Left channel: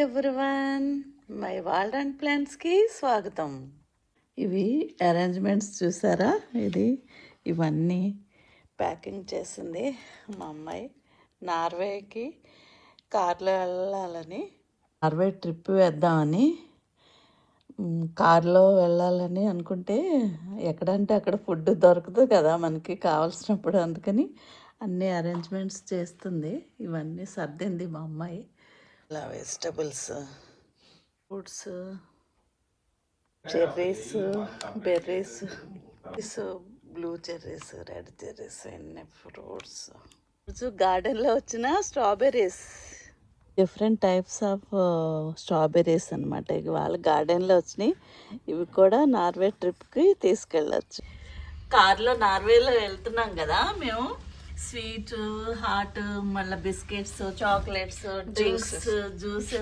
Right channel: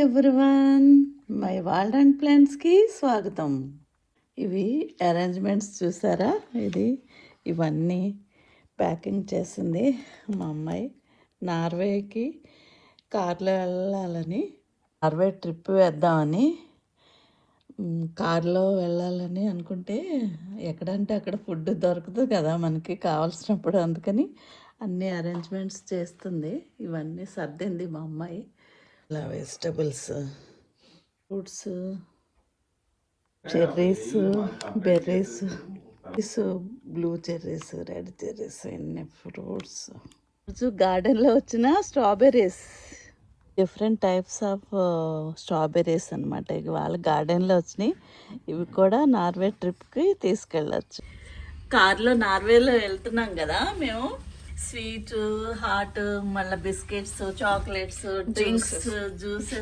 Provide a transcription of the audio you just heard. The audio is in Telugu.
ఎవ్రీవన్ మై వాల్డ్ అండ్ ప్లాన్స్కి స్వాగతం. ఇవి అరేంజ్మెంట్స్ చూసారా? ఇది ఇవన్నీ ప్యాకింగ్ చేసింది మా అమ్మాయి. నార్వేకి కార్లో వెళ్ళాలని నార్వే ట్రిప్ వేద్దామని కార్లో వెళ్ళాలని అనుకుంటే ఎక్కడంటే అక్కడ ఫుడ్ దొరకదు కదా మనకి కావాల్సినప్పుడు అందుకని అన్ని అరేంజ్మెంట్స్ చేస్తుంది. ఇవన్నీ సర్దింది మా అమ్మాయి. ఇలా vegetables. Fruits cherries berries blue cherries red cherries అన్ని ఫ్రూట్స్. గార్డెన్లో వచ్చిన strawberries. Different types of strawberries అనమాట ఇక వాళ్ళ గార్డెన్లో వచ్చినాయి. ఇవి కూడా నార్వే ట్రిప్కి తీసుకెళ్ళచ్చు. కార్లో నార్వేలో వెళ్తున్నాం కదా మేము. స్వీట్ హాట్ మళ్ళీ బిస్కెట్స్ చాక్లెట్స్ డ్రింక్స్ జ్యూసెస్.